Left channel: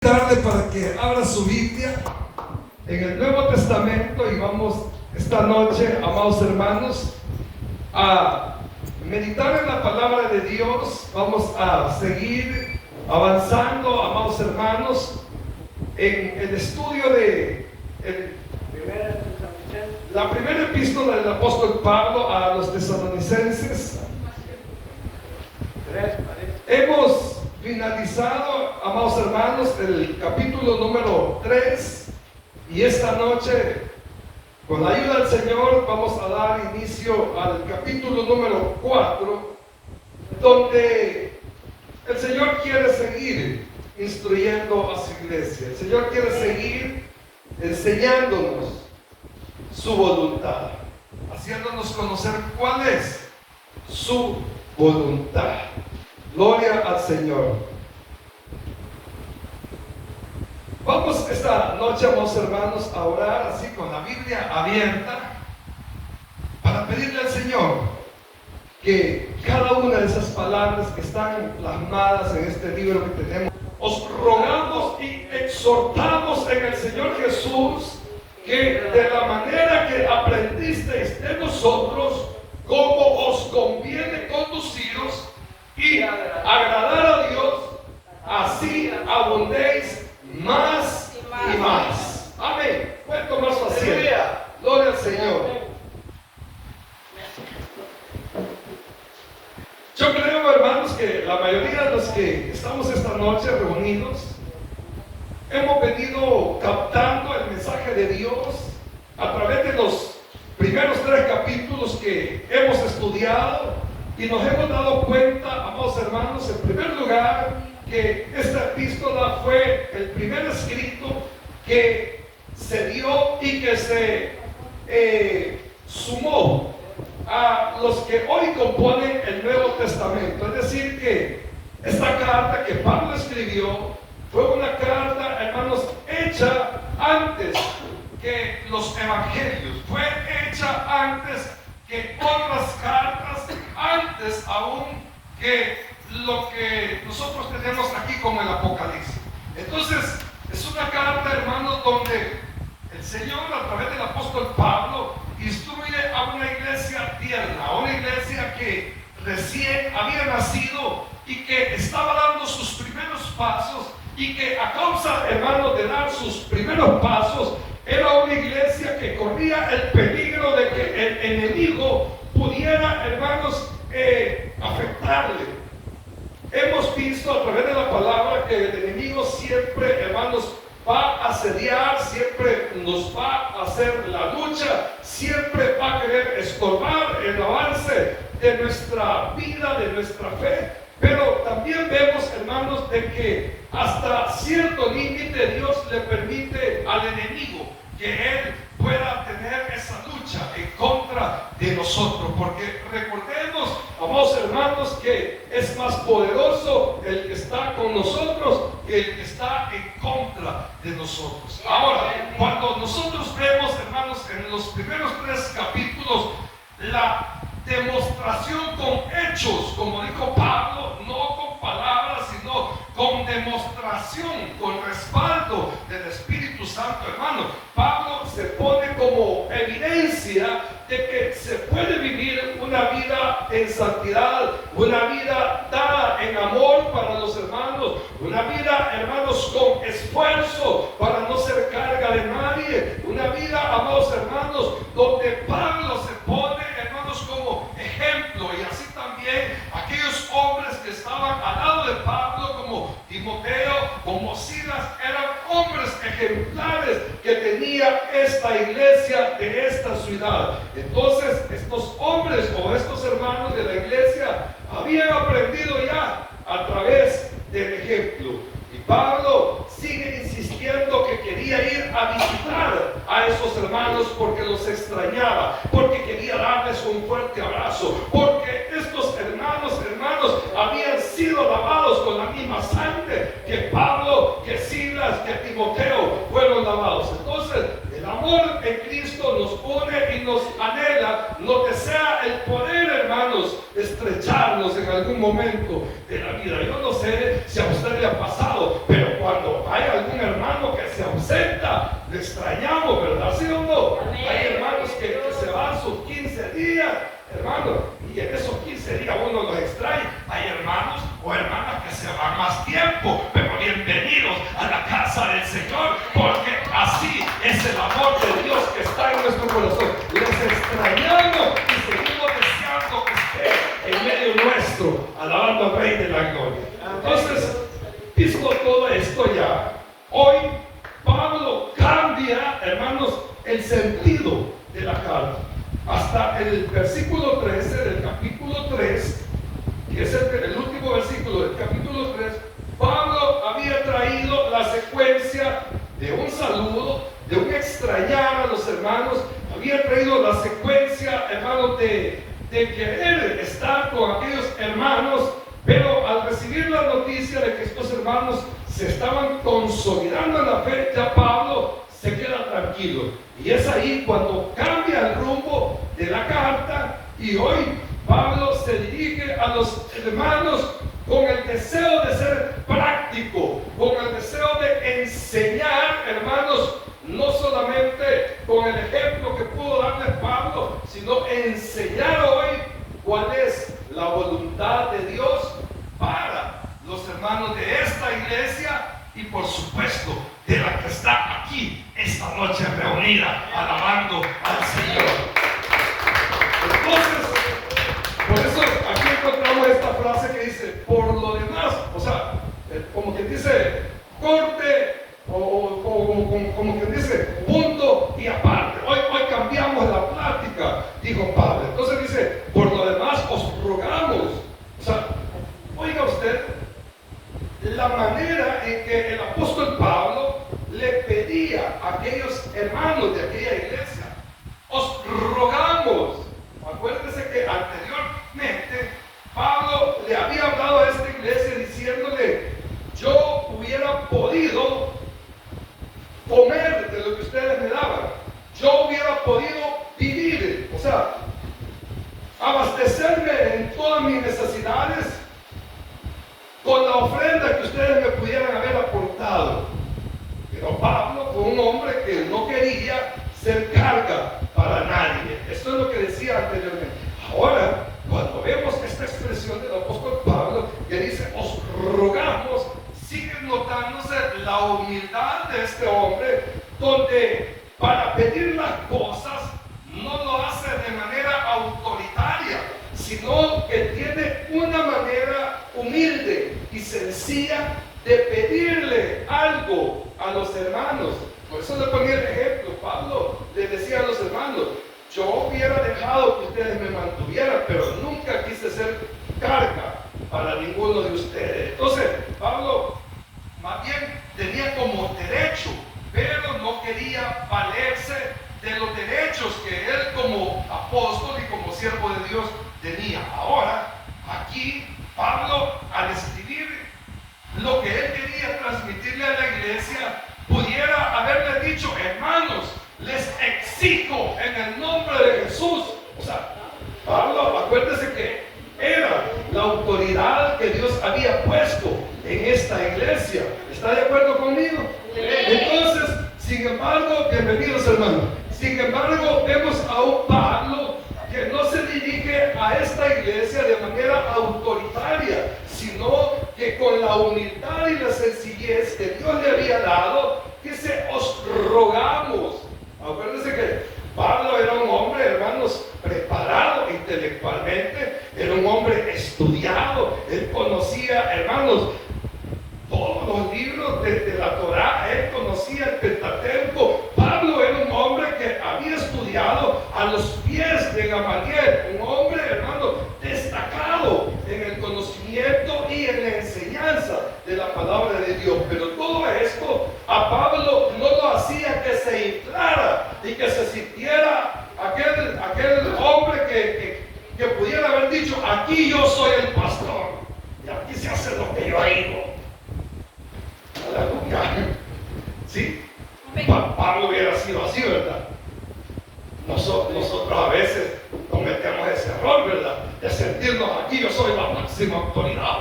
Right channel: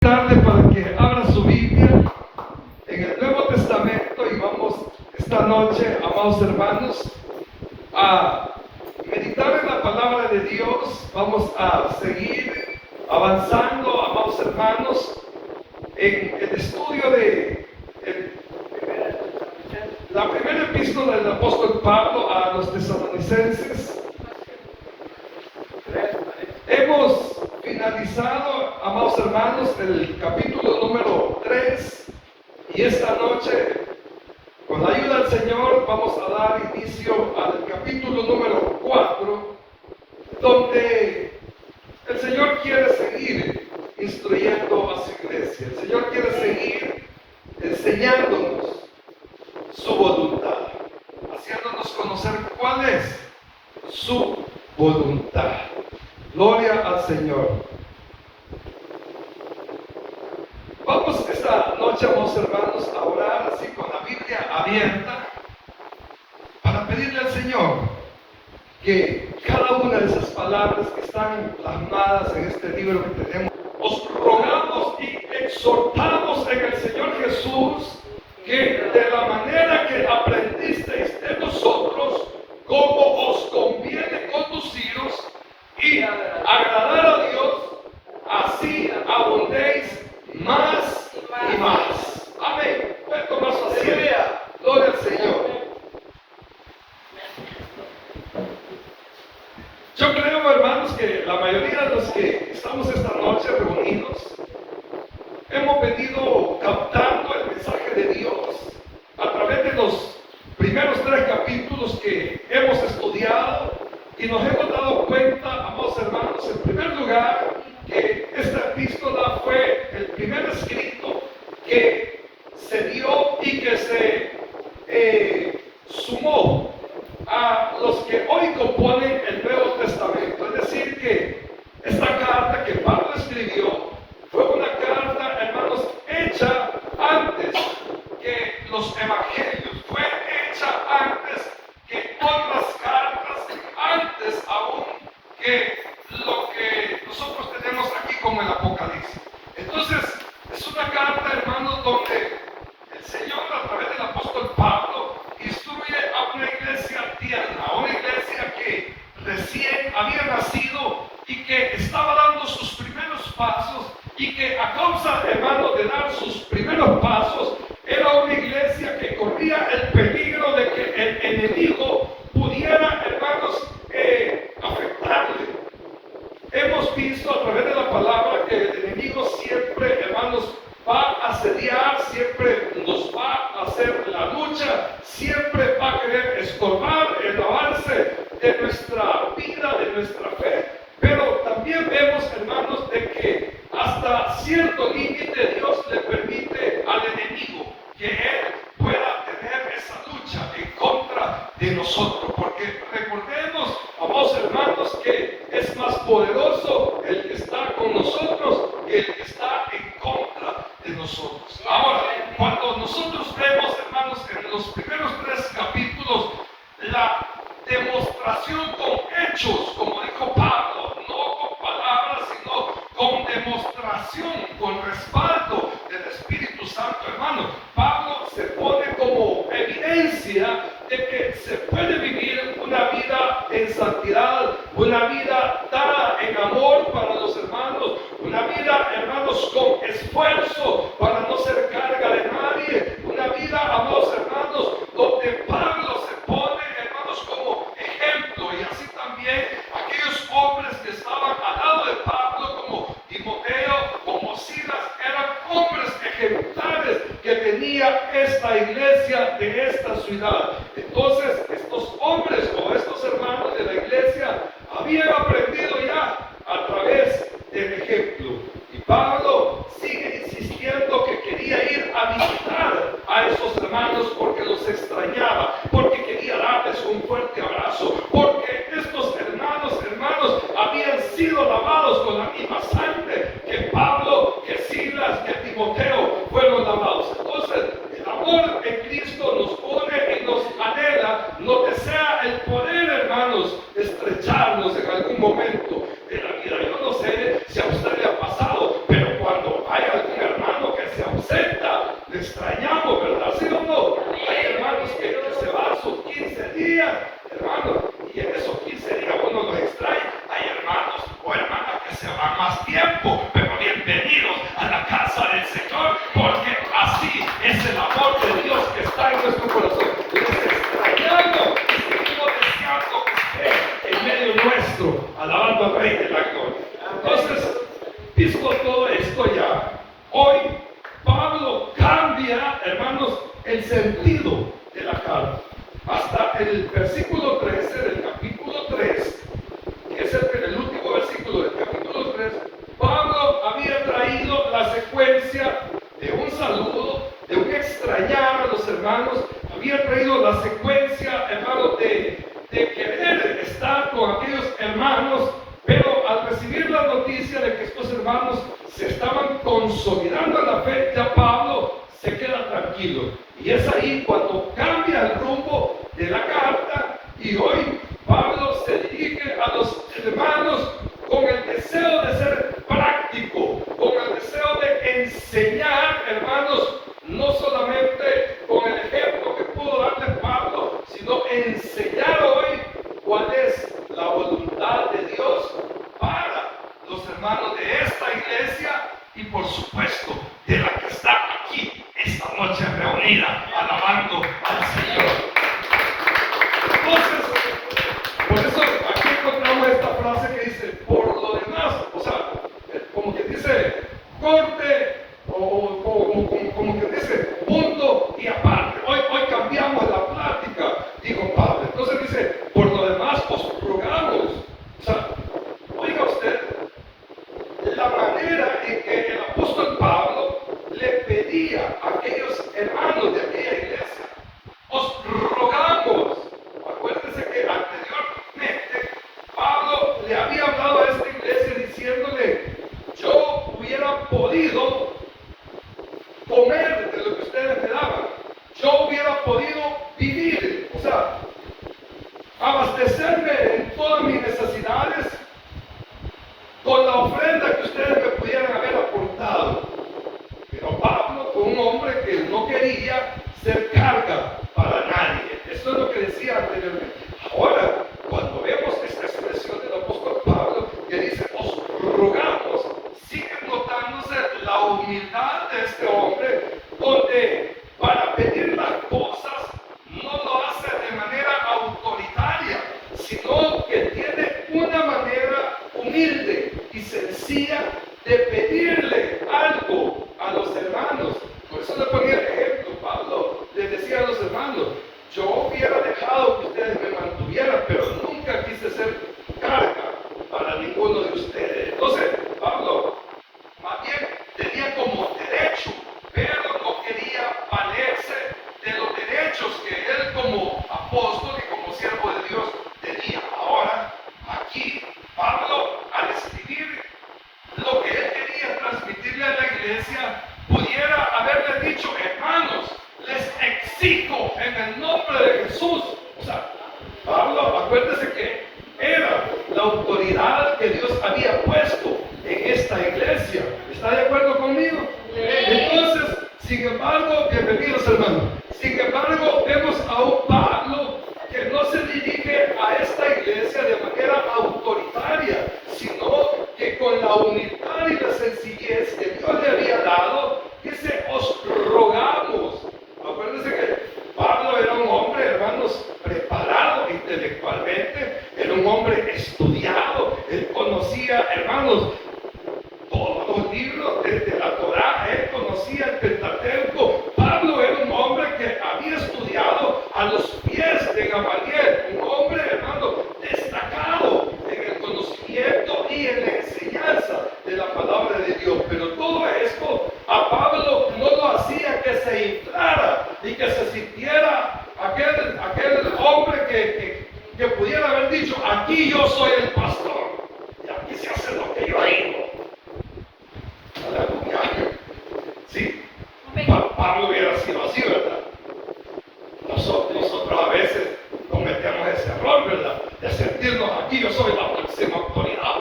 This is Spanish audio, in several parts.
Tarde para que abra su Biblia en el Nuevo Testamento y vamos esta noche, amados hermanos, a meditar en la palabra de Dios. Vamos a seguir avanzando, amados hermanos, en el estudio de la primera epístola del apóstol Pablo a los tesalonicenses. Hemos finalizado, amados hermanos, el capítulo número 3 y esta noche, con la ayuda del Señor, vamos a dar inicio al capítulo número 4, donde el Señor quiere seguir instruyendo a su iglesia. El Señor quiere seguir enseñándonos su voluntad, haciéndonos conocer cuál es su voluntad. Gloria al Señor. Vamos esta noche, amados hermanos, a orar así con la Biblia abierta para pedirle al Señor que cada una de esas palabras que están plasmadas en este libro que tenemos, os rogamos y exhortamos en el Señor Jesús que de la manera que aprendisteis de nosotros, como os conviene conduciros y agradar a Dios, así abundéis más y más. Amén. Pueden tomar su asiento. Gloria al Señor. Yo creo, hermanos, que la mayoría de los que estamos esta noche reunidos hemos venido captando el mensaje de Dios a través de los primeros 3 capítulos que hemos estudiado. Y nos hemos dado cuenta, amados hermanos, en primer lugar, que esta epístola fue el primer escrito que se dio y que se sumó a los que hoy componen el Nuevo Testamento. Es decir, que esta carta que Pablo escribió fue una carta, hermanos, hecha antes que los evangelios, fue hecha antes que otras cartas, antes aún que lo que nosotros tenemos aquí como el Apocalipsis. Entonces, es una carta, hermanos, donde el Señor, a través del apóstol Pablo, instruye a una iglesia tierna, a una iglesia que recién había nacido y que estaba dando sus primeros pasos, y que a causa, hermanos, de dar sus primeros pasos, era una iglesia que corría el peligro de que el enemigo pudiera, hermanos, afectarle. Hemos visto a través de la palabra que el enemigo siempre, hermanos, va a asediar, siempre nos va a hacer la lucha, siempre va a querer estorbar el avance de nuestra vida, de nuestra fe. Pero también vemos, hermanos, de que hasta cierto límite Dios le permite al enemigo que él pueda tener esa lucha en contra de nosotros, porque recordemos, amados hermanos, que es más poderoso el que está con nosotros que el que está en contra de nosotros. Ahora, cuando nosotros vemos, hermanos, en los primeros 3 capítulos, la demostración con hechos, como dijo Pablo, no con palabras, sino con demostración, con respaldo del Espíritu Santo, hermano. Pablo se pone como evidencia de que se puede vivir una vida en santidad, una vida dada en amor para los hermanos, una vida, hermanos, con esfuerzo para no ser carga de nadie, una vida, amados hermanos, donde Pablo se pone, hermanos, como ejemplo, y así también aquellos hombres que estaban al lado de Pablo, como Timoteo, como Silas, eran hombres ejemplares que tenía esta iglesia de esta ciudad. Entonces, estos hombres o estos hermanos de la iglesia habían aprendido ya a través del ejemplo. Y Pablo sigue insistiendo que quería ir a visitar a esos hermanos porque los extrañaba, porque quería darles un fuerte abrazo, porque estos hermanos habían sido lavados con la misma sangre que Pablo, que Silas, que Timoteo fueron lavados. Entonces, el amor en Cristo nos une y nos anhela, no desea el poder, hermanos, estrecharnos en algún momento de la vida. Yo no sé si a usted le ha pasado, pero cuando hay sentido de la carta. Hasta el versículo 13 del capítulo 3, que es el último versículo del capítulo 3, Pablo había traído la secuencia de un saludo, de un extrañar a los hermanos, había traído la secuencia, hermanos, de querer estar con aquellos hermanos, pero al recibir la noticia de que estos hermanos se estaban consolidando en la fe, ya Pablo se queda tranquilo. Y es ahí cuando cambia el rumbo de la carta y hoy Pablo se dirige a los hermanos con el deseo de ser práctico, con el deseo de enseñar, hermanos, no solamente con el ejemplo que pudo darles Pablo, sino enseñar hoy cuál es la voluntad de Dios para los hermanos de esta iglesia y por supuesto de la que está aquí esta noche reunida alabando al Señor. Entonces, por eso aquí encontramos esta frase que dice, por lo demás, o sea, como que dice, corte, como que dice, punto y aparte. Hoy cambiamos la plática, dijo Pablo. Entonces dice, por lo demás os rogamos. O sea, oiga usted, la manera en que el apóstol Pablo le pedía a aquellos hermanos de aquella iglesia, os rogamos. Acuérdense que anteriormente Pablo le había hablado a esta iglesia diciéndole, yo hubiera podido comer de lo que ustedes me daban, yo hubiera podido vivir, o sea, abastecerme en todas mis necesidades con la ofrenda que ustedes me pudieran haber aportado. Pero Pablo fue un hombre que no quería ser carga para nadie. Eso es lo que decía anteriormente. Ahora, cuando vemos esta expresión del apóstol Pablo, que dice, os rogamos, sigue notándose la humildad de este hombre, donde para pedir las cosas no lo hace de manera autoritaria, sino que tiene una manera humilde y sencilla de pedirle algo a los hermanos. Por eso le ponía el ejemplo. Pablo les decía a los hermanos, yo hubiera dejado que ustedes me mantuvieran, pero nunca quise ser carga para ninguno de ustedes. Entonces, Pablo más bien tenía como derecho, pero no quería valerse de los derechos que él como apóstol y como siervo de Dios tenía. Ahora, aquí, Pablo, al escribir lo que él quería transmitirle a la iglesia, pudiera haberle dicho, hermanos, les exijo en el nombre de Jesús. O sea, Pablo, acuérdese que era la autoridad que Dios había puesto en esta iglesia. ¿Está de acuerdo conmigo? Entonces, sin embargo, bienvenidos hermanos, sin embargo, vemos a un Pablo que no se dirige a esta iglesia de manera autoritaria, sino que con la humildad y la sencillez que Dios le había dado, dice, os rogamos. Acuérdense que Pablo era un hombre, hermanos, preparado intelectualmente, era un hombre estudiado, él conocía, hermanos, todos los libros de la Torá, él conocía el Pentateuco. Pablo era un hombre que había estudiado a los pies de Gamaliel, un hombre, hermano, destacado en el conocimiento y en la enseñanza de la palabra de Dios. Pero todo esto a Pablo no lo hacía que se inflara y que se sintiera aquel hombre que pudiera haber dicho, aquí yo soy el pastor y aquí se hace lo que yo digo. Aleluya. Sí, Pablo hubiera sido así, ¿verdad? Nosotros a veces cometemos ese error, ¿verdad? De sentirnos aquí, yo soy la máxima autoridad.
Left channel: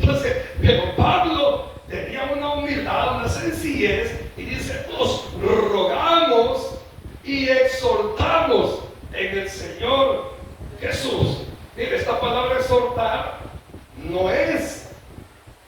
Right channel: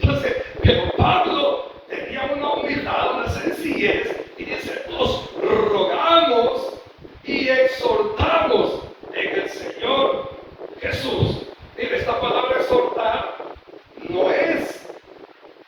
Entonces, pero Pablo tenía una humildad, una sencillez, y dice, os rogamos y exhortamos en el Señor Jesús. Mire, esta palabra exhortar no es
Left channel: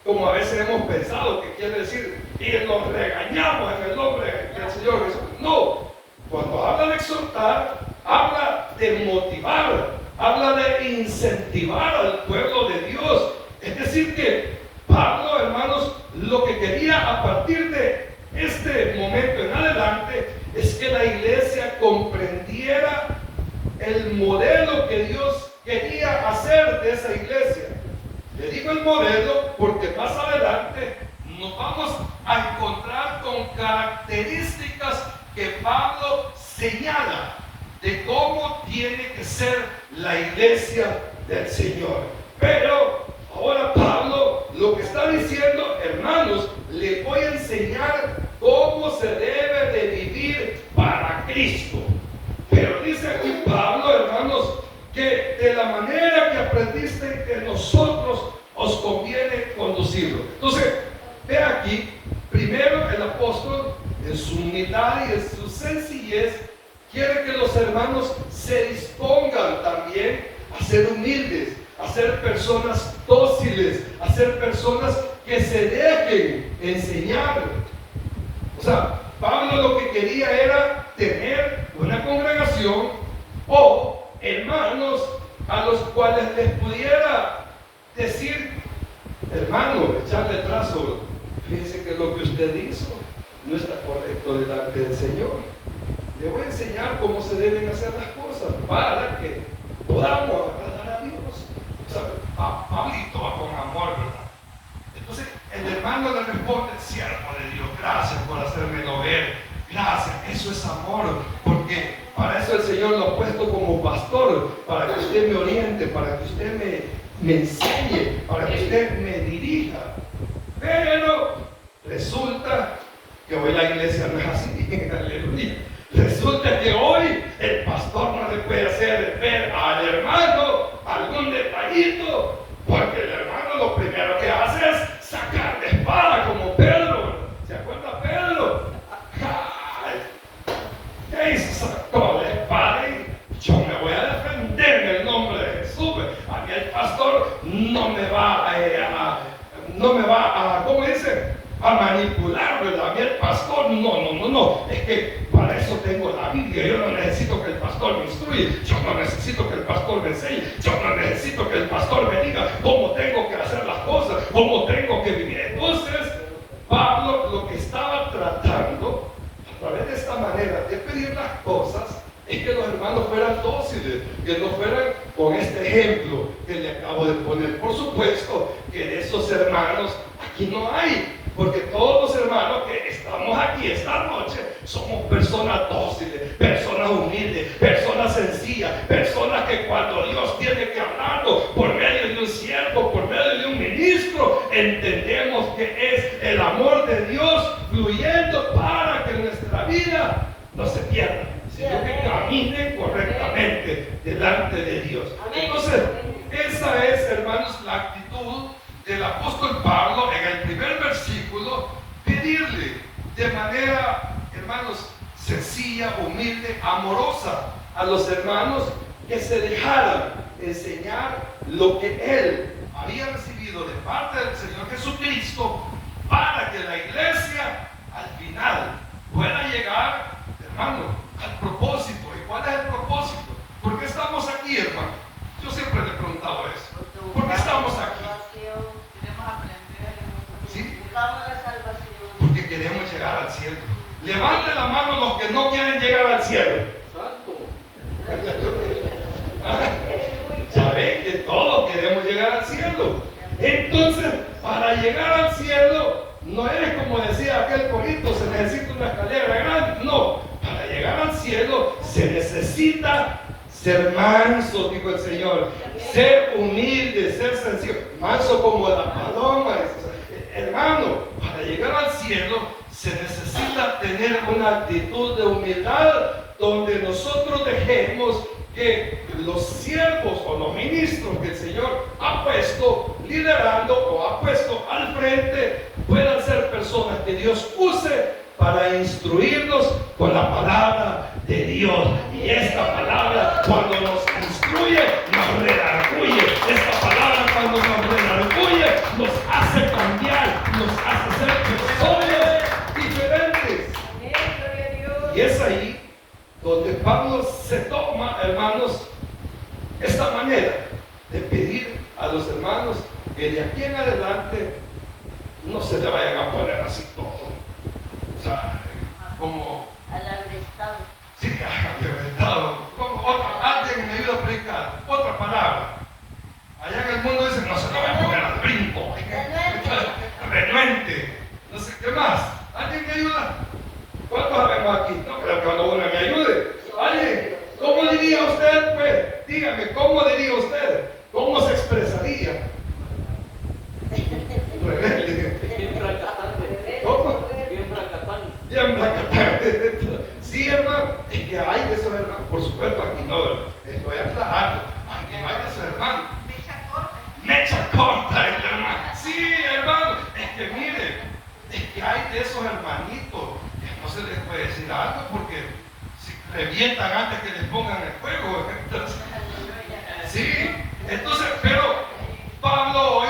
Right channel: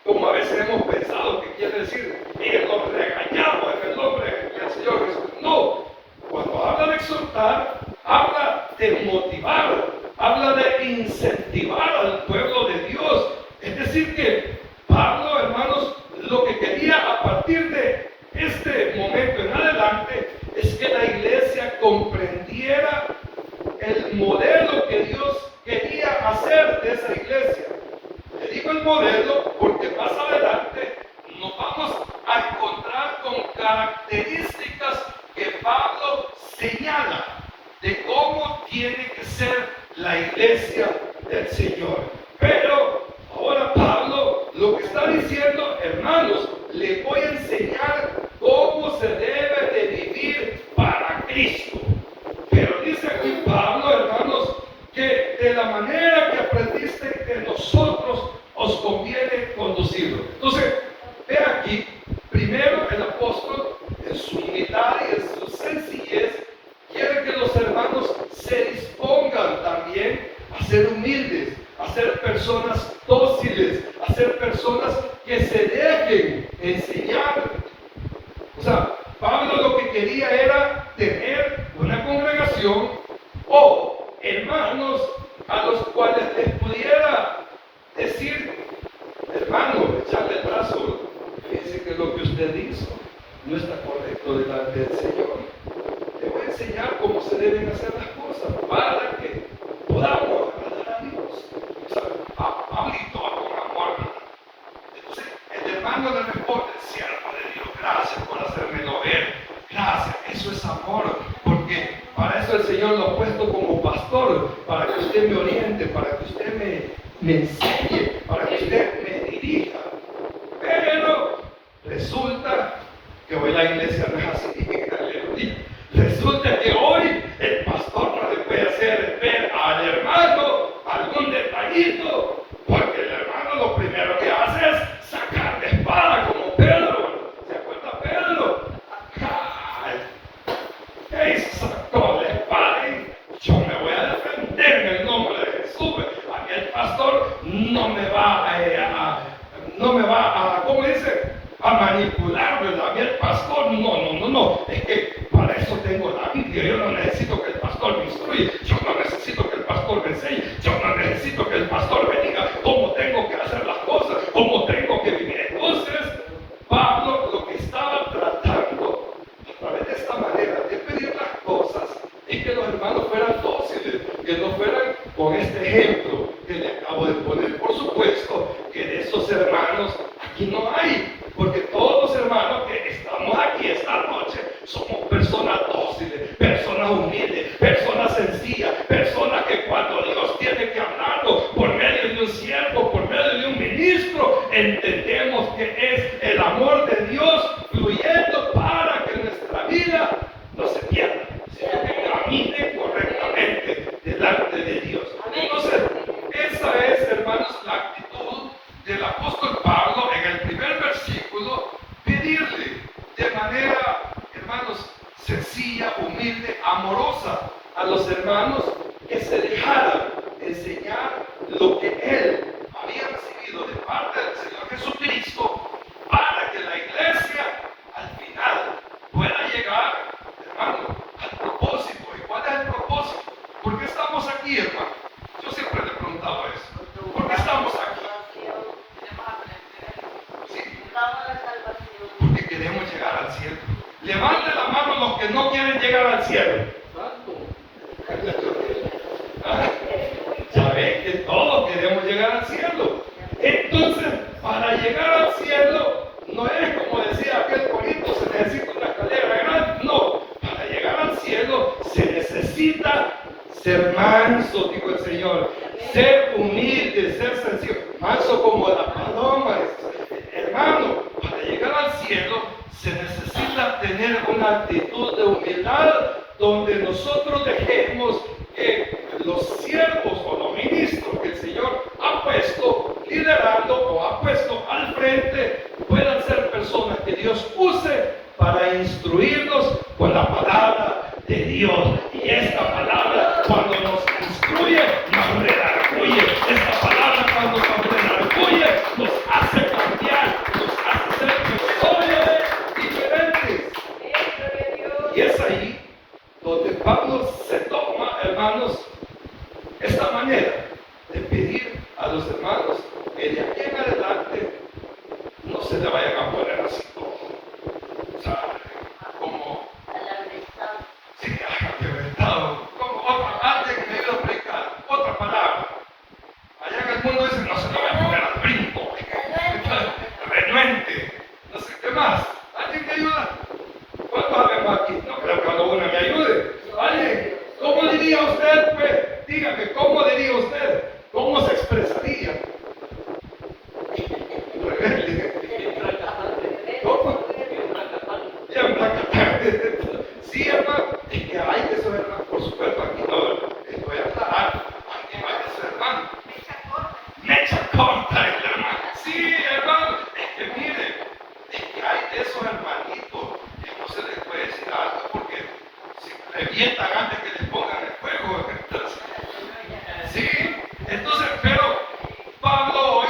como a veces hemos pensado que quiere decir, y los regañamos en el nombre del Señor Jesús. No, cuando habla de exhortar, habla de motivar, habla de incentivar al pueblo de Dios. Es decir que Pablo, hermanos, lo que quería a partir de este momento en adelante es que la iglesia comprendiera el modelo que Dios quería hacer de esa iglesia. Le digo el modelo porque más adelante nos vamos a encontrar con características que Pablo señala de cómo tiene que ser la iglesia del Señor. Pero ahora Pablo lo que está diciendo, hermanos, le voy a enseñar cómo se debe de vivir para Cristo. Pero dice aquí Pablo, hermanos, que de la manera que aprendiste que nosotros os conviene conducirlo. Entonces, ve aquí, primero el apóstol, en su humildad y en su sencillez, quiere que los hermanos se dispongan también a ser humildes, a ser personas dóciles, a ser personas que se dejen enseñar. O sea, Pablo lo que quería era tener una congregación o hermanos a los cuales les pudiera decir, hermano, echarle trazo, fíjense que lo que usted hizo no está correcto delante del Señor. Le voy a enseñar cómo se deben hacer las cosas para que podamos agradar a Dios. O sea, Pablito va con amor. Entonces, el hermano le responde, siervo de Dios, gracias por hacérmelo ver. Gracias, eso es amor, porque para eso el Señor lo ha puesto como pastor, para que usted me oriente, para que usted me enseñe, para que usted me dirija. Pero resulta que hoy la iglesia no es así. Aleluya. Resulta que hoy el pastor no le puede hacer ver al hermano algún detallito, porque el hermano lo primero que hace es sacar de espada como Pedro. ¿Se acuerda Pedro? Ay, ¿qué hizo? Sacó la espada y yo me voy a defender en el nombre de Jesús. A mí el pastor no me va a, ¿cómo dice? A manipular, ¿verdad? A mí el pastor, no. Es que para eso tengo la Biblia. Yo no necesito que el pastor me instruya. Yo no necesito que el pastor me enseñe. Yo no necesito que el pastor me diga cómo tengo que hacer las cosas, cómo tengo que vivir. Entonces, Pablo lo que estaba tratando, a través de esta manera de pedir las cosas, es que los hermanos fueran dóciles, que no fueran con este ejemplo que le acabo de poner. Por supuesto que de esos hermanos aquí no hay, porque todos los hermanos que estamos aquí esta noche somos personas dóciles, personas humildes, personas sencillas, personas que cuando Dios tiene que hablarlo por medio de un siervo, por medio de un ministro, entendemos que es el amor de Dios fluyendo para que nuestra vida no se pierda, sino que camine correctamente delante de Dios. Entonces, esa es, hermanos, la actitud del apóstol Pablo en el primer versículo, pedirle de manera, hermanos, sencilla, humilde, amorosa a los hermanos que se dejaran enseñar lo que él había recibido de parte del Señor Jesucristo para que la iglesia al final pueda llegar, hermano, al propósito. ¿Y cuál es el propósito? ¿Por qué estamos aquí, hermano? Yo siempre le he preguntado eso. ¿Por qué estamos aquí? ¿Sí? Porque queremos llegar al cielo. Levante la mano los que no quieren llegar al cielo. Ya ven que todos queremos llegar al cielo. Entonces, para llegar al cielo, no es como decía aquel conito, se necesita una escalera grande. No, para llegar al cielo se necesita ser manso, dijo el Señor, ser humilde, ser sencillo, manso como la paloma. Hermano, para llegar al cielo se necesita tener una actitud de humildad donde nosotros dejemos que los siervos o los ministros que el Señor ha puesto liderando o ha puesto al frente puedan ser personas que Dios use para instruirnos con la palabra de Dios. Y esta palabra, cuando nos instruye, nos redarguye. Esta palabra, cuando nos redarguye, nos hace cambiar, nos hace ser personas diferentes. Y es ahí donde Pablo se toma, hermanos, esta manera de pedir a los hermanos que de aquí en adelante no se le vayan a poner así todo. O sea, como... Sí, Ya me sí, hermano, es que hay de esos hermanos, por supuesto, aquí no estoy aclarando, aquí no hay de esos hermanos. Mecha corta, hermano. Sí, hermano, es que mire, es que hay de esos hermanitos que no se les puede decir algo porque si revientan antes que les pongan el fuego. Entonces, sí, entonces, pero Pablo hoy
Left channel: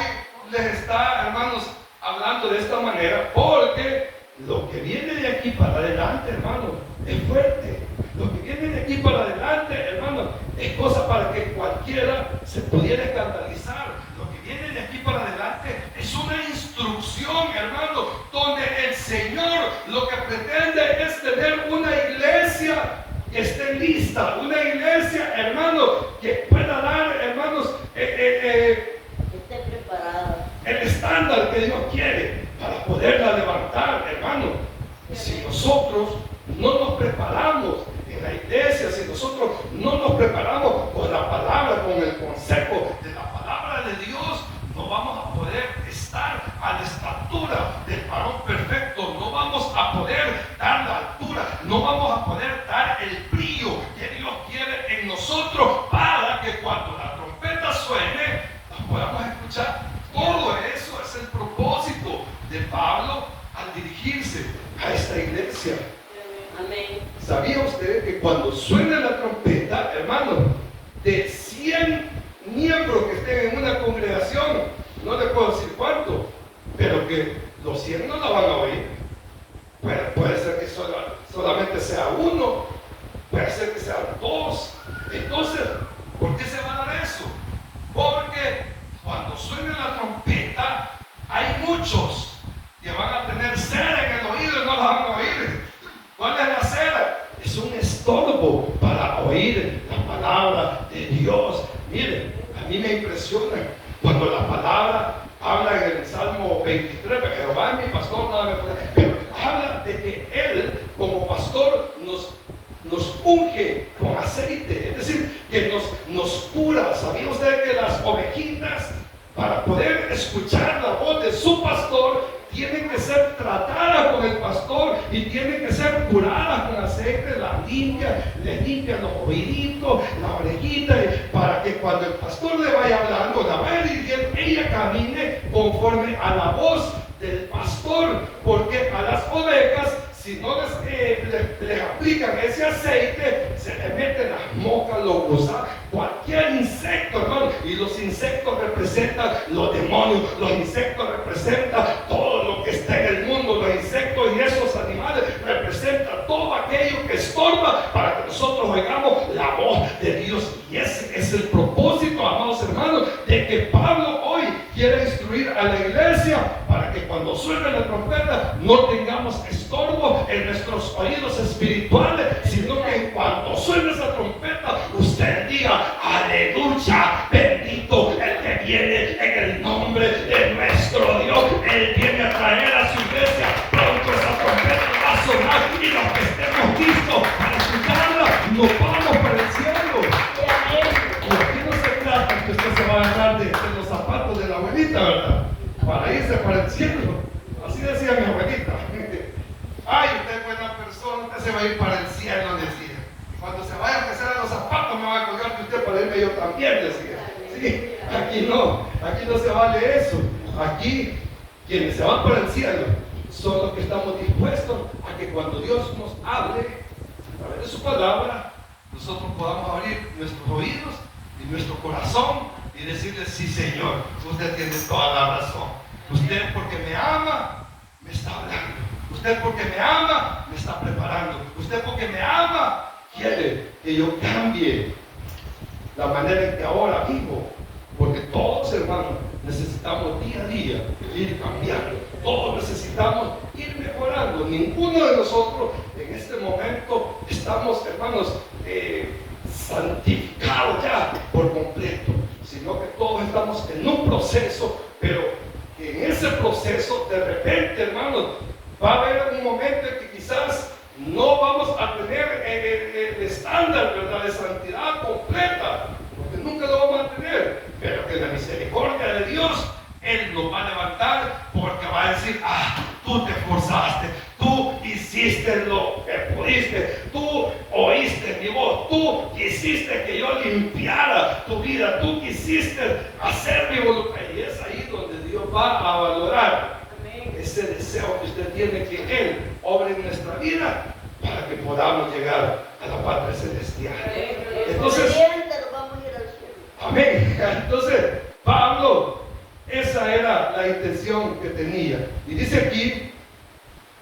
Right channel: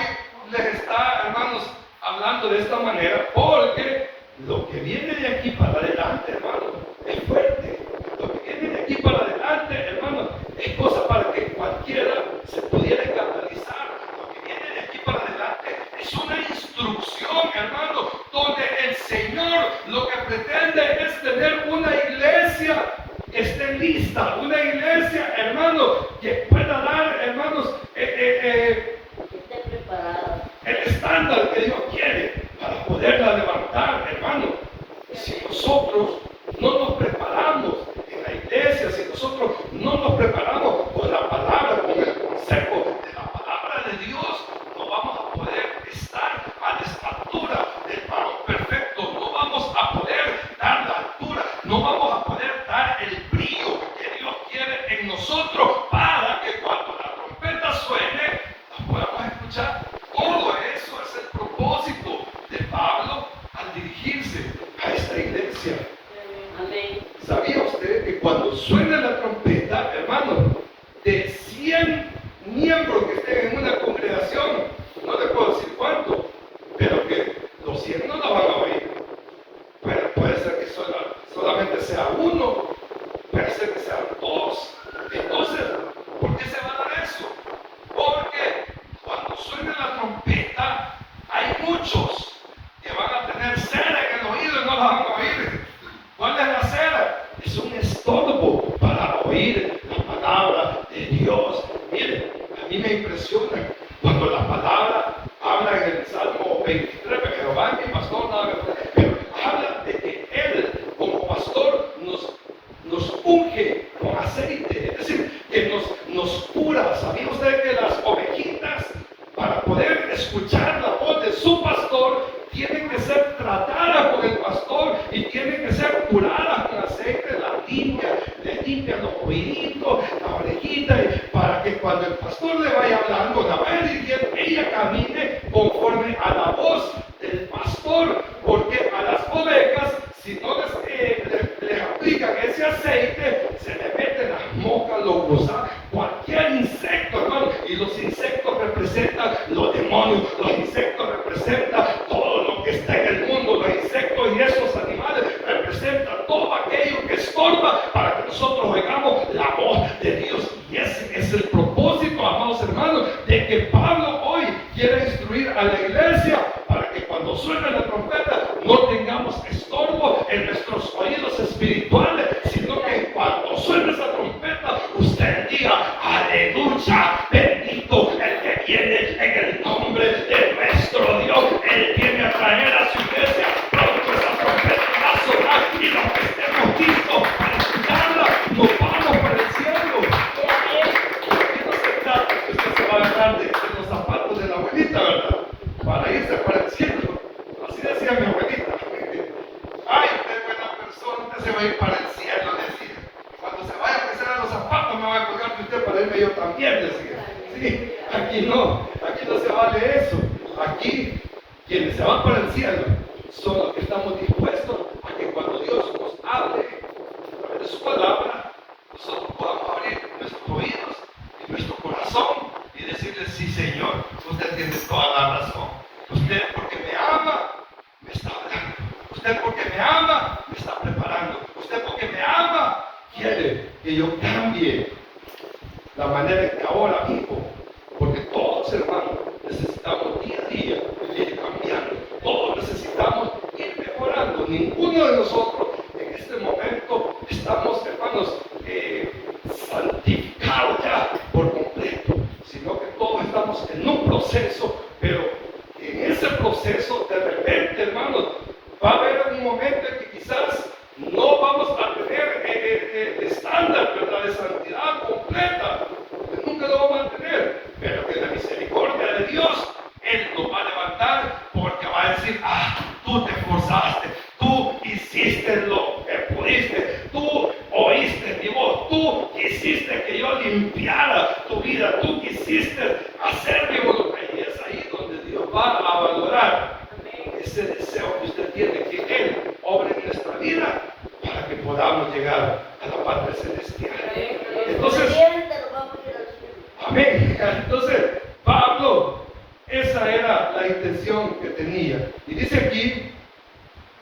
les está, hermanos, hablando de esta manera porque lo que viene de aquí para adelante, hermano, es fuerte. Lo que viene de aquí para adelante, hermano, es cosa para que cualquiera se pudiera escandalizar. Lo que viene de aquí para adelante es una instrucción, hermano, donde el Señor lo que pretende es tener una iglesia que esté lista, una iglesia, hermano, que pueda dar, hermanos, el estándar que Dios quiere para poderla levantar, hermano. Y si nosotros no nos preparamos en la iglesia, si nosotros no nos preparamos con la palabra, con el consejo de la palabra de Dios, no vamos a poder estar a la estatura del varón perfecto, no vamos a poder dar la altura, no vamos a poder dar el brillo que Dios quiere en nosotros para que cuando la trompeta suene, la podamos escuchar. Todo eso es el propósito de Pablo al dirigirse a esta iglesia. ¿Sabía usted que cuando suena la trompeta, hermano, de 100 miembros que estén en una congregación, no le puedo decir cuánto, pero que los 100 no la van a oír? Pero puede ser que solamente sea uno, puede ser que sean dos. Entonces, ¿por qué se va a dar eso? Porque cuando suene la trompeta, hay muchos que van a tener cera en el oído y no la van a oír. ¿Cuál es la cera? Es un estorbo para oír la palabra de Dios. Mire, a mí me impresiona cuando la palabra habla en el Salmo 23, Jehová es mi pastor, nada me falta, pero habla de que Él, como pastor, nos unge con aceite, es decir, que nos cura. ¿Sabía usted que las ovejitas, para poder escuchar la voz de su pastor, tienen que ser tratadas con el pastor y tienen que ser curadas con aceite? Le limpian los oíditos, la orejita, para que cuando el pastor le vaya hablando, la vaya dirigiendo, ella camine conforme a la voz del pastor, porque a las ovejas, si no les aplican ese aceite, se le meten las moscas, los gusanos, cualquier insecto, hermano. Y los insectos representan los demonios, los insectos representan todo lo que está en el mundo, los insectos y esos animales representan todo aquello que estorba para que nosotros oigamos la voz de Dios. Y ese es el propósito, amados hermanos, de que Pablo hoy quiere instruir a la iglesia para que cuando suene la trompeta no tengamos estorbo en nuestros oídos espirituales, sino que cuando suene esa trompeta usted diga: aleluya, bendito el que viene en el nombre de nuestro Dios. Él viene a traer a su iglesia. Pronto esa trompeta va a sonar y los que estemos listos para escucharla nos vamos para el cielo. Y aquí no se trata que usted se va a agarrar de los zapatos de la abuelita, ¿verdad?, para irse para el cielo. Así decía mi abuelita: ay, usted es buena persona, usted se va a ir para el cielo, decía. Cuando se vaya a empezar a los zapatos, me va a colgar que usted para irme yo también, decía. Sí, aquí no se vale eso. Aquí, quienes se van para el cielo son los que estamos dispuestos a que cuando Dios nos hable de su palabra, nosotros podamos abrir nuestros oídos y nuestro corazón y decirle: sí, Señor, usted tiene toda la razón. Usted, porque me ama, me está hablando. Usted, porque me ama, me está preparando. Usted, porque me ama, quiere que yo cambie la manera en que ahora vivo. Porque todos, hermanos, necesitamos día a día ir cambiando. Todos necesitamos ir mejorando. Ninguno de nosotros en este momento estamos, hermanos, santificados ya por completo, sino que todos estamos en un proceso, pero en ese proceso, de repente, hermanos, va a haber un momento en que quizás no vamos a tener el estándar, ¿verdad?, de santidad completa, porque nunca lo vamos a tener, pero que la misericordia de Dios, Él nos va a levantar, porque va a decir: ah, tú te esforzaste, tú hiciste hiciste lo que pudiste, tú oíste mi voz, tú quisiste que yo limpiara tu vida, tú quisiste hacer mi voluntad. Y es ahí donde Dios va a valorar ese deseo que usted tiene, que Él obre en nuestra vida para que podamos llegar a la patria celestial. Entonces, amén. Entonces, Pablo, esa era la intención que tenía. Y dice aquí,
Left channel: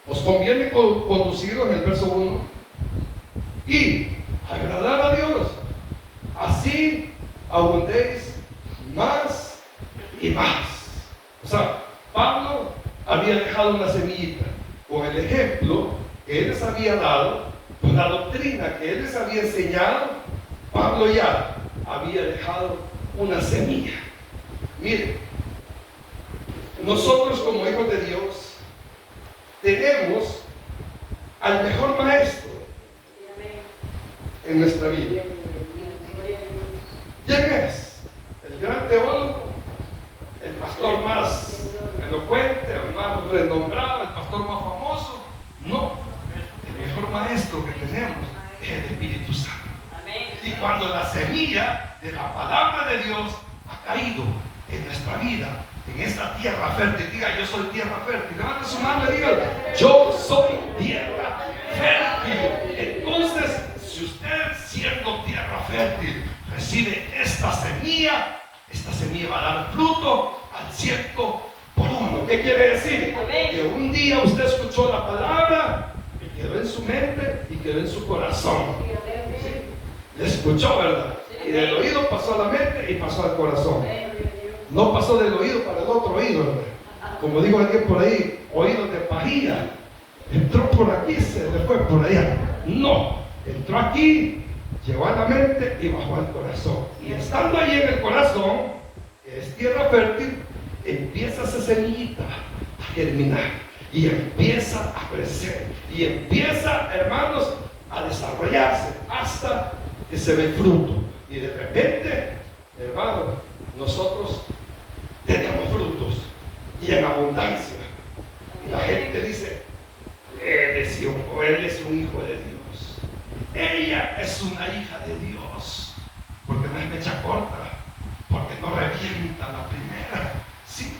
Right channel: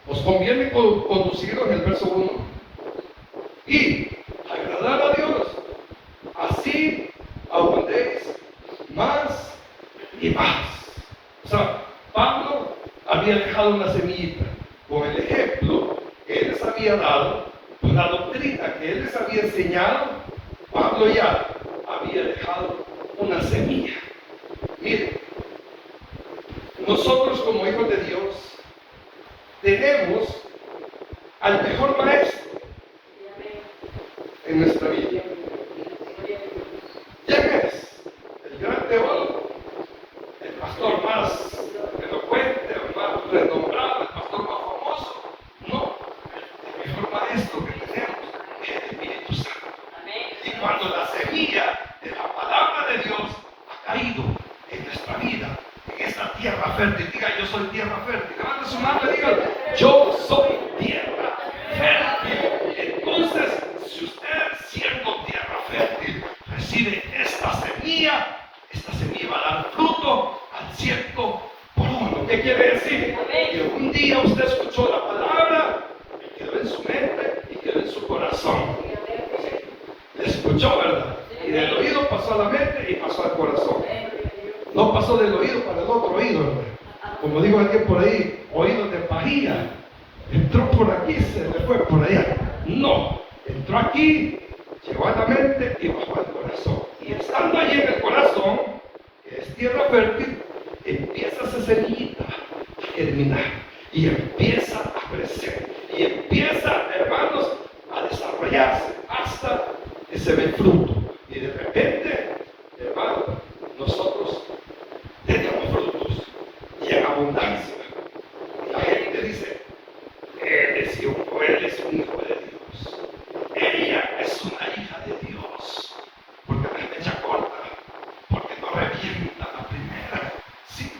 os conviene conduciros en el verso 1 y agradar a Dios. Así abundéis más y más. O sea, Pablo había dejado una semillita con el ejemplo que él les había dado, con la doctrina que él les había enseñado. Pablo ya había dejado una semilla. Mire, nosotros como hijos de Dios tenemos al mejor maestro en nuestra vida. ¿Quién es? El gran teólogo, el pastor más elocuente, el más renombrado, el pastor más famoso. No, el mejor maestro que tenemos es el Espíritu Santo. Y cuando la semilla de la palabra de Dios ha caído en nuestra vida, en esta tierra fértil, diga: yo soy tierra fértil. Levanta su mano y diga: yo soy tierra fértil. Entonces, si usted, siendo tierra fértil, recibe esta semilla va a dar fruto al 100%. ¿Qué quiere decir? Que un día usted escuchó la palabra, y quedó en su mente y quedó en su corazón. Le escuchó, ¿verdad? Y del oído pasó a la mente y pasó al corazón. No pasó del oído para el otro oído, ¿verdad? Como digo aquí por ahí, oídos de pajilla. Entró por aquí, se le fue por allá. No, entró aquí, llegó a la mente y bajó al corazón. Y estando allí en el corazón, que es tierra fértil, empieza esa semillita a germinar y empieza a crecer y empieza, hermanos, a desarrollarse hasta que se ve el fruto. Y de repente, hermanos, nosotros tenemos frutos y en abundancia. Y la gente dice: él es un hijo de Dios, ella es una hija de Dios, porque no es mecha corta, porque no revienta la primera, sí,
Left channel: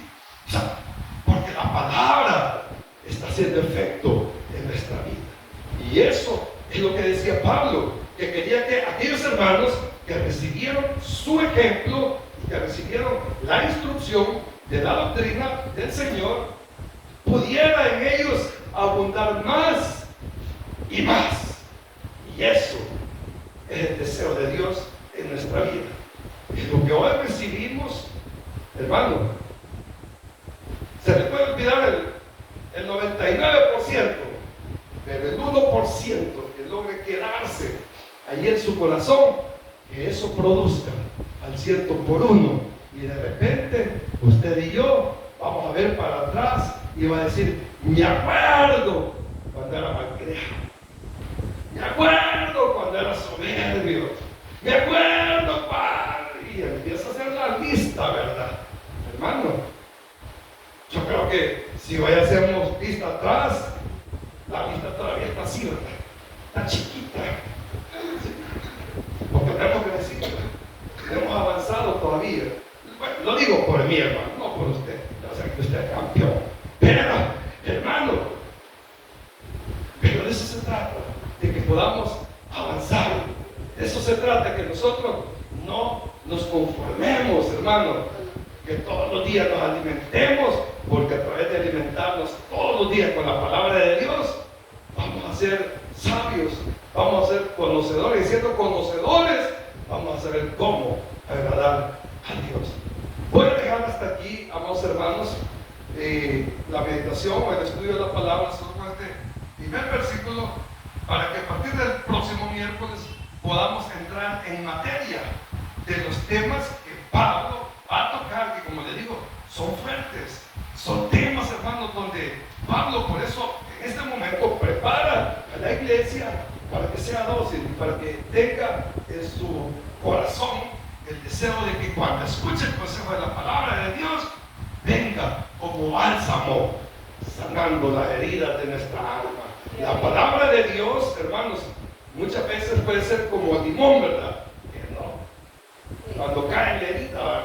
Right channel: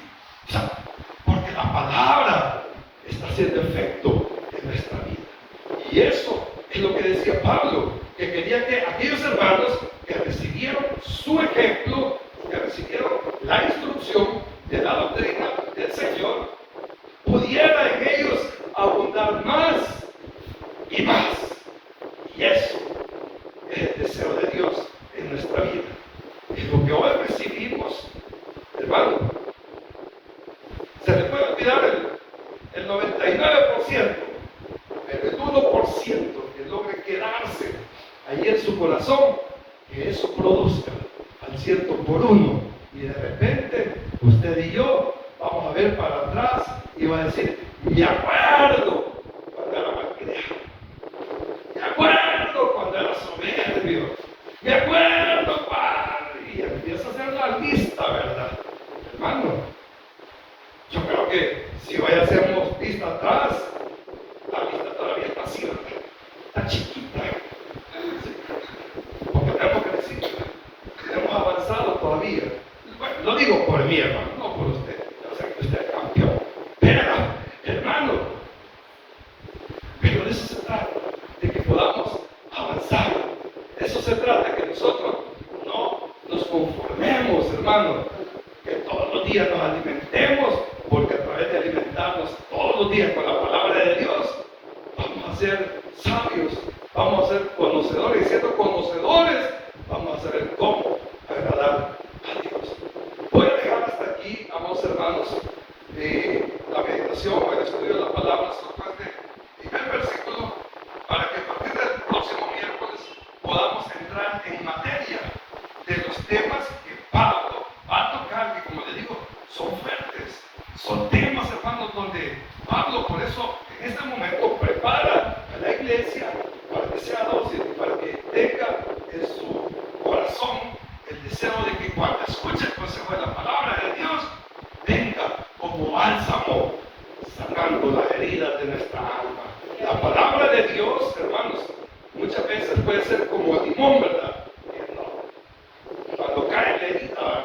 o sea, porque la palabra está haciendo efecto en nuestra vida. Y eso es lo que decía Pablo, que quería que aquellos hermanos que recibieron su ejemplo, que recibieron la instrucción de la doctrina del Señor, pudiera en ellos abundar más y más. Y eso es el deseo de Dios en nuestra vida. Y lo que hoy recibimos, hermano, se le puede olvidar el 99%, pero el 1% que logre quedarse ahí en su corazón, que eso produzca al 100%. Y de repente, usted y yo vamos a ver para atrás y va a decir: me acuerdo cuando era malcriado, me acuerdo cuando era soberbio, me acuerdo cuando... Y empieza a hacer la lista, ¿verdad? Hermano, yo creo que si hoy hacemos vista atrás, la lista todavía está así, ¿verdad? Está chiquita. Porque tenemos que decir, hemos avanzado todavía. Bueno, lo digo por mí, hermano, no por usted. O sea, que usted es campeón. Pero, hermano, pero de eso se trata, de que podamos avanzar. De eso se trata, que nosotros no nos conformemos, hermano, que todos los días nos alimentemos, porque a través de alimentarnos todos los días con la palabra de Dios, vamos a ser sabios, vamos a ser conocedores, y siendo conocedores, vamos a saber cómo agradar a Dios. Voy a dejar hasta aquí, amados hermanos, la meditación, el estudio de la palabra, solamente primer versículo, para que a partir del próximo miércoles podamos entrar en materia de los temas que Pablo va a tocar, que como le digo, son fuertes, son temas, hermanos, donde Pablo, por eso, en este momento prepara a la iglesia para que sea dócil, para que tenga en su corazón el deseo de que cuando escuche el consejo de la palabra de Dios, venga como bálsamo, sanando las heridas de nuestra alma. La palabra de Dios, hermanos, muchas veces puede ser como limón, ¿verdad? Cuando cae en la herida,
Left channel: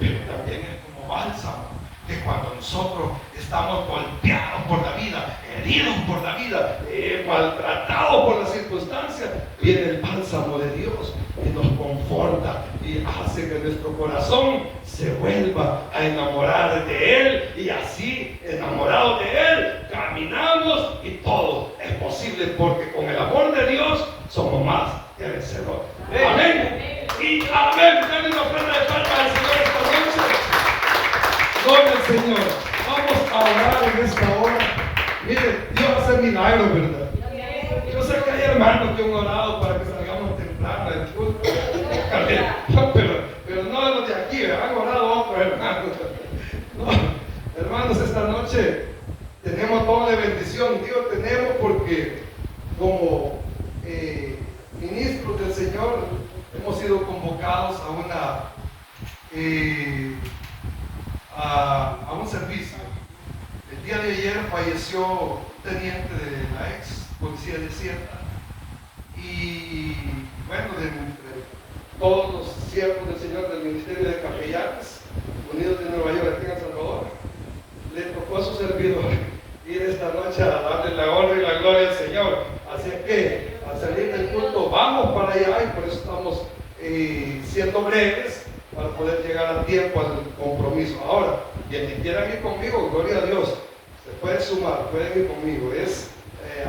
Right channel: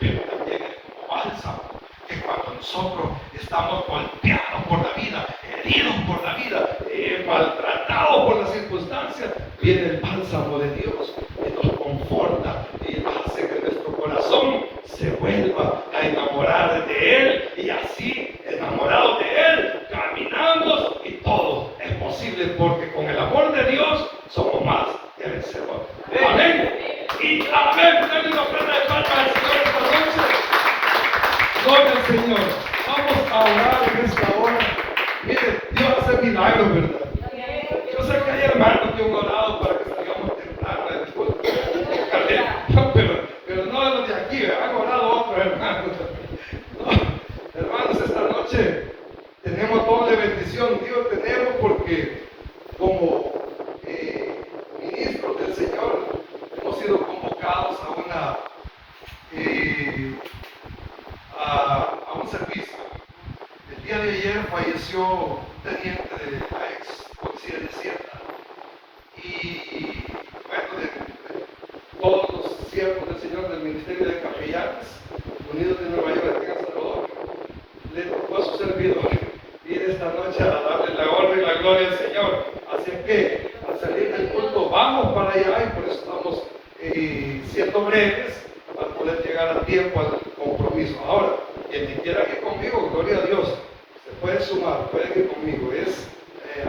pero también es como bálsamo, que cuando nosotros estamos golpeados por la vida, heridos por la vida, maltratados por las circunstancias, viene el bálsamo de Dios que nos conforta y hace que nuestro corazón se vuelva a enamorar de Él, y así, enamorados de Él, caminamos y todo es posible, porque con el amor de Dios somos más que vencedores. Amén. Y amén. Denle una ofrenda de palmas al Señor esta noche. Gloria al Señor. Vamos a orar en esta hora. Mire, Dios va a hacer milagros, ¿verdad? Yo sé que hay hermanos que han orado para que salgamos temprano del culto. Pero no de los de aquí, han orado otros hermanos. No, hermanos, esta noche tenemos doble bendición. Digo tenemos porque como ministros del Señor hemos sido convocados a un servicio. El día de ayer falleció un teniente de la ex policía de Sierra, y bueno, de todos los siervos del Señor del Ministerio de Capellanes Unidos de Nueva York, aquí en Salvador, le tocó a su servidor ir esta noche a darle la honra y la gloria al Señor. Así es que al salir del culto vamos para allá, y por eso estamos siendo breves para poder llegar a tiempo al compromiso. Ahora, quien quiera ir conmigo, gloria a Dios, se puede sumar, puede ir conmigo. Es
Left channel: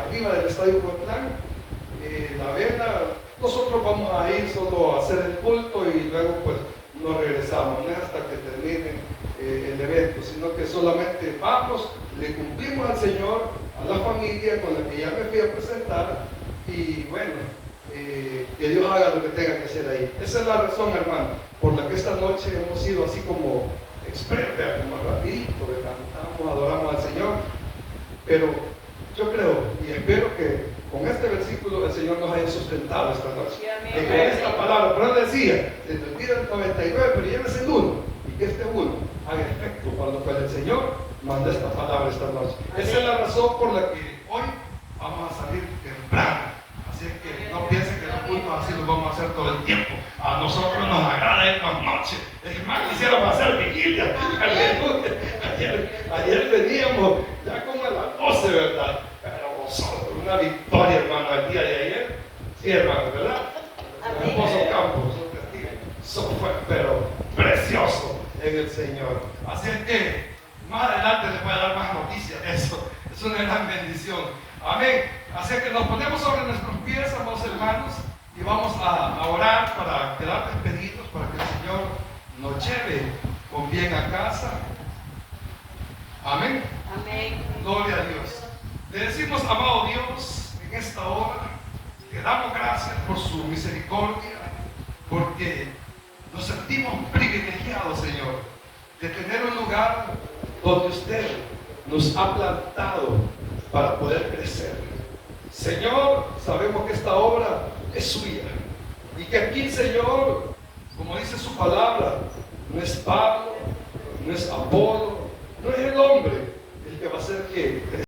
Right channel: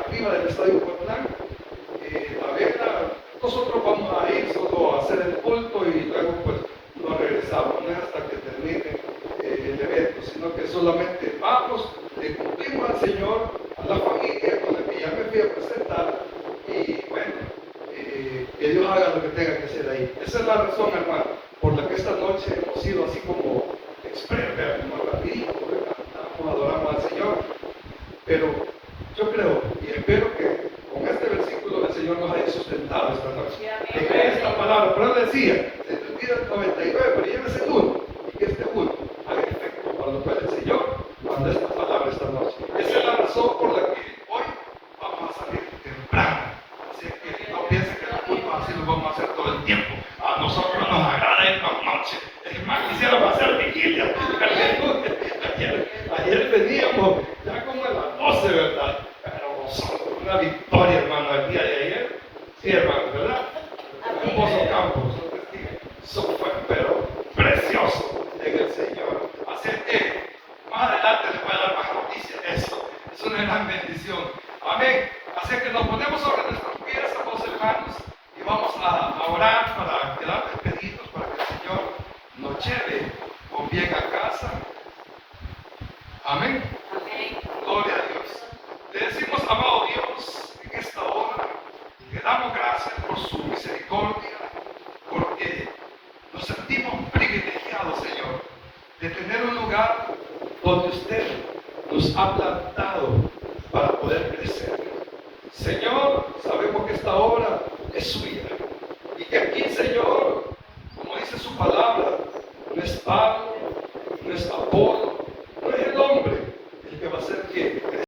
arriba del Estadio Cotlán, la venta. Nosotros vamos a ir solo a hacer el culto y luego pues nos regresamos, no es hasta que termine el evento, sino que solamente vamos, le cumplimos al Señor, a la familia con la que ya me fui a presentar, y bueno, que Dios haga lo que tenga que hacer ahí. Esa es la razón, hermano, por la que esta noche hemos sido así como express, como rapidito, adoramos al Señor. Pero yo creo y espero que con este versículo el Señor nos haya sustentado esta noche. Que con esta palabra, pero él decía, se te olvida el 99, pero llévese el uno, y que este uno haga efecto para lo cual el Señor manda esta palabra esta noche. Esa es la razón por la que hoy vamos a salir temprano. Así que no piensen que el culto así lo vamos a hacer todo el tiempo. A nosotros nos agrada ir la noche. Es más, quisiéramos hacer vigilia. Ayer veníamos ya como a las 12, ¿verdad? Pero nosotros, una victoria, hermano, el día de ayer. Sí, hermano, ¿verdad? El hermoso campo, eso fue, pero precioso en el Señor. Así que más adelante les voy a dar más noticias de eso. Es una gran bendición. Amén. Así que nos ponemos sobre nuestros pies, amados hermanos, y vamos a orar para quedar despedidos, para que el Señor nos lleve con bien a casa. Amén. Amén. Gloria a Dios. Le decimos, amado Dios, en esta hora, le damos gracias por su misericordia, porque nos sentimos privilegiados, Señor, de tener un lugar donde usted nos ha plantado para poder crecer. Señor, sabemos que esta obra es suya, y que aquí, Señor,